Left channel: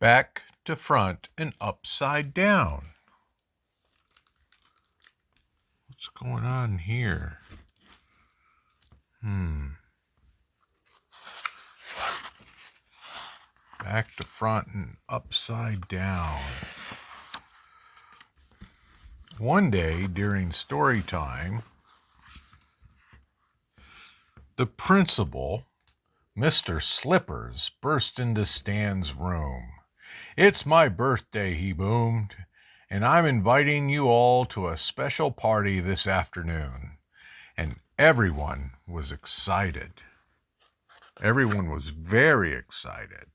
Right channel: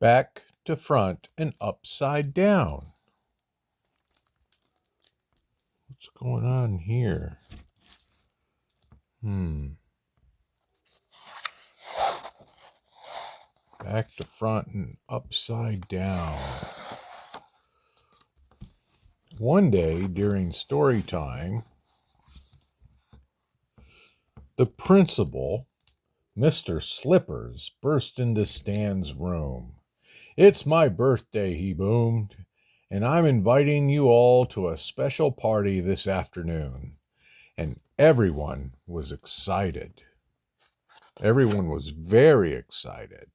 back to front and upside down. What's going on here? Back to front and upside down. One day during story time, the principal, Mr. Slippers, burst into Stan's room. "It's my birthday," he boomed, "and I'm inviting you all to a special party this afternoon." And everyone was excited. Everyone was very excited.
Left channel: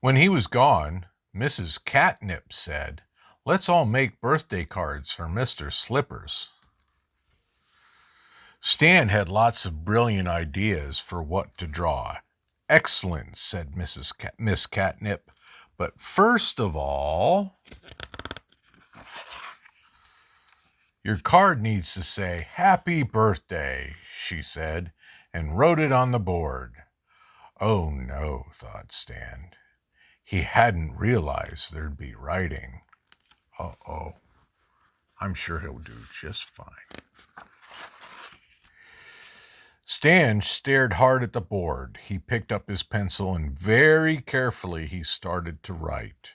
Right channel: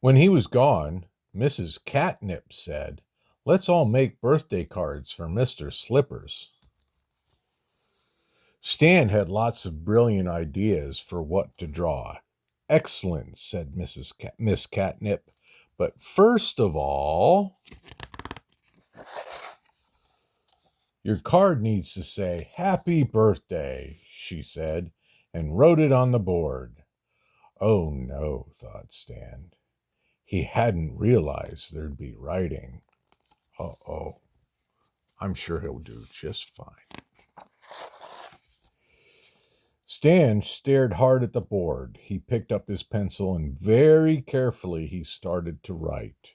When he was gone, Mrs. Catnip said, "Let's all make birthday cards for Mr. Slippers." Stan had lots of brilliant ideas for what to draw. "Excellent," said Miss Catnip. "But first of all, your card needs to say 'Happy Birthday,'" she said, and wrote it on the board. Oh no, thought Stan. He hadn't realized there'd be writing. Uh-oh. I'm sure he'll do just fine. Stan stared hard at the board. He picked up his pencil and very carefully he started to write.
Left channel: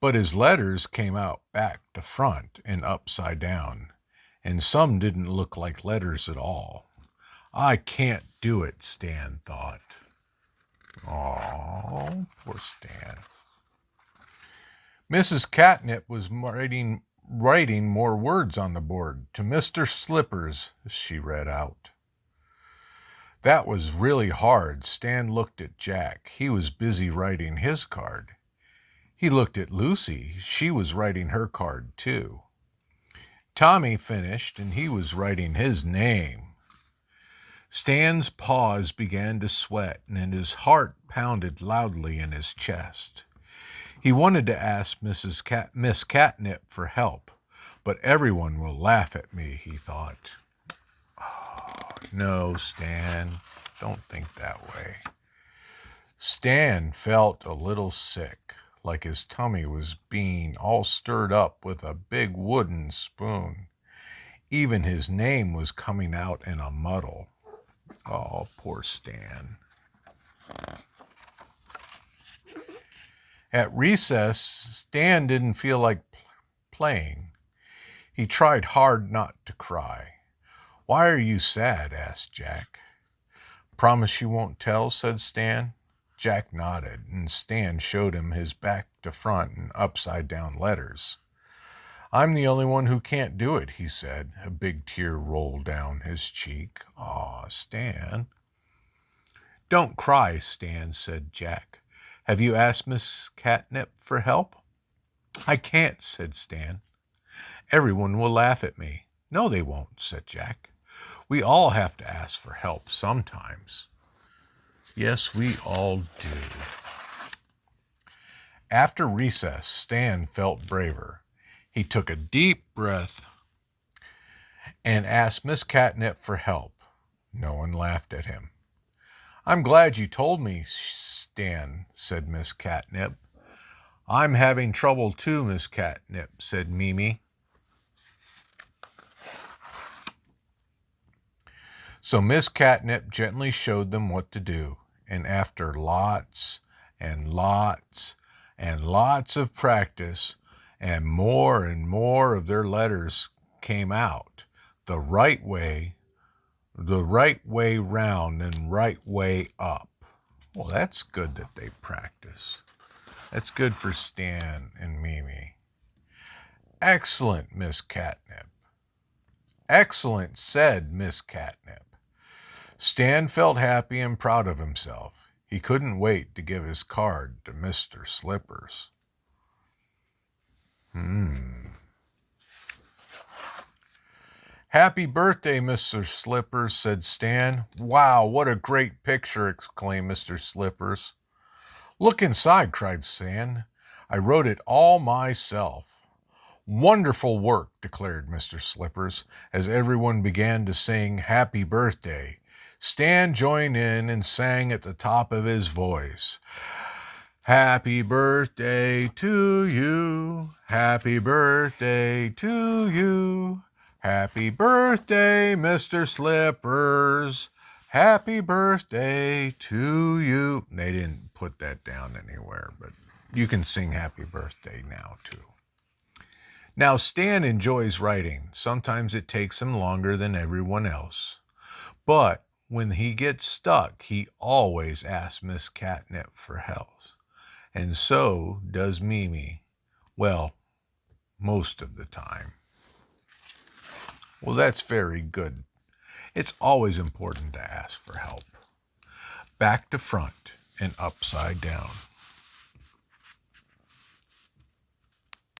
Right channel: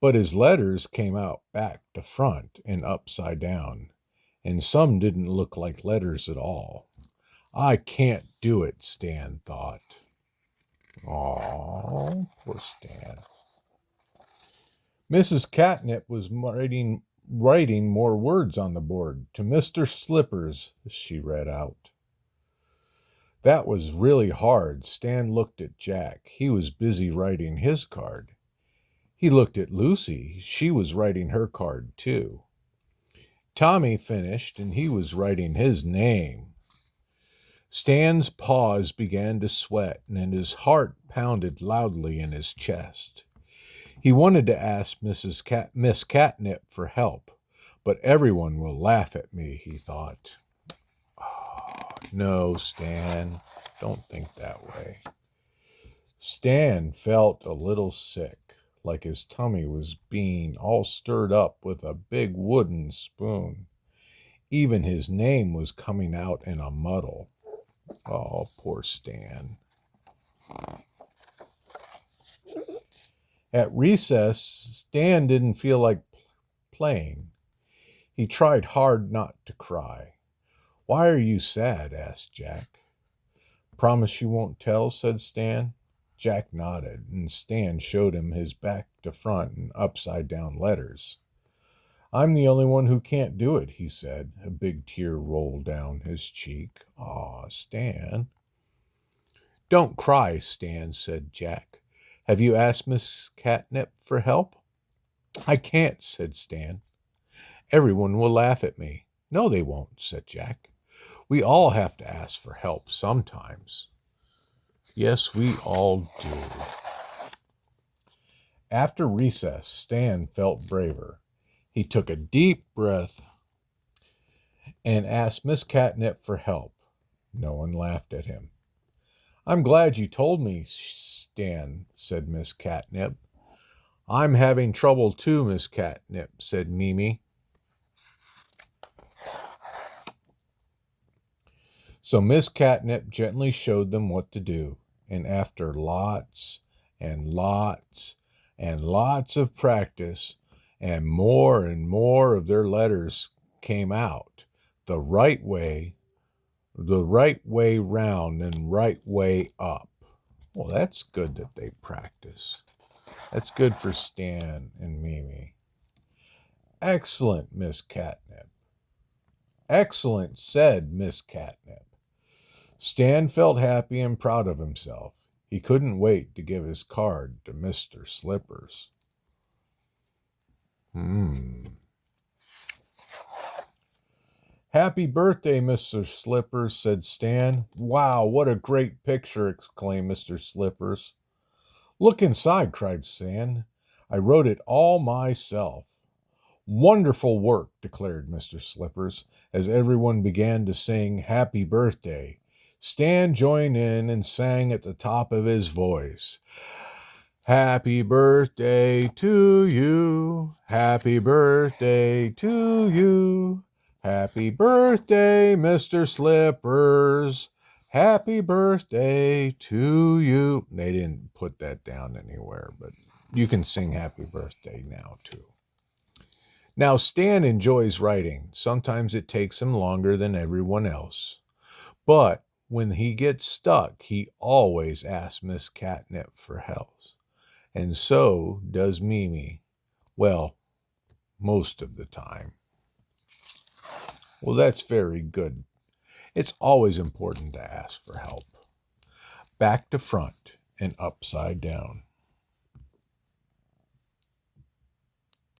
But his letters came out back to front and upside down, and some didn't look like letters at all. "I can't do it," Stan thought. Aw, poor Stan. Mrs. Catnip was writing more words on the board. "To Mr. Slippers," she read out. That was really hard. Stan looked at Jack. He was busy writing his card. He looked at Lucy. She was writing her card, too. Tommy finished, and he was writing his name. Stan's paws began to sweat, and his heart pounded loudly in his chest. He wanted to ask Miss Catnip for help, but everyone will laugh at me, he thought. Oh, no, Stan, don't think that way. Stan felt a little sick, like his tummy was being all stirred up with a big wooden spoon. Even his name was coming out in a muddle. Oh, poor Stan. At recess, Stan didn't feel like playing. He tried hard not to cry. "Why are you sad?" asked Jack. "Promise you won't tell?" said Stan. Jack nodded, and Stan showed him his back to front and upside down letters. "I'm the only one who can't do it," he said. A big tear rolled down his cheek. "Aw, Stan." "Don't cry, Stan," said Jack. "Have you asked Miss Catnip for help?" "I can't," said Stan. "Everyone will laugh at me." "No, they won't," said Jack. "We all have to ask for help sometimes." "Yes, we all do." After recess, Stan felt braver. He took a deep breath and asked Miss Catnip for help. No one laughed at him. "I'm glad you told me, Stan," said Miss Catnip. "I'm having trouble too, Miss Catnip," said Mimi. So Miss Catnip gently showed them what to do, and after lots and lots and lots of practice, and more of their letters came out the right way round and right way up. Well, that's good that they practice. That's good for Stan and Mimi. "Excellent, Miss Catnip." "Excellent," said Miss Catnip. Stan felt happy and proud of himself. He couldn't wait to give his card to Mr. Slippers. "Happy birthday, Mr. Slippers," said Stan. "Wow, what a great picture," exclaimed Mr. Slippers. "Look inside," cried Stan. "I wrote it all myself." "Wonderful work," declared Mr. Slippers, as everyone began to sing "Happy Birthday." Stan joined in and sang at the top of his voice. Happy birthday to you. Happy birthday to you. Happy birthday, Mr. Slippers. Happy birthday to you. They didn't put that down anywhere, but you can sing happy birthday now, too. Now, Stan enjoys writing. Sometimes it takes him longer than everyone else. But when he gets stuck, he always asks Miss Catnip for help. And so does Mimi. Well, most of the time. Well, that's very good. It's always important to ask for help. Back to front and upside down.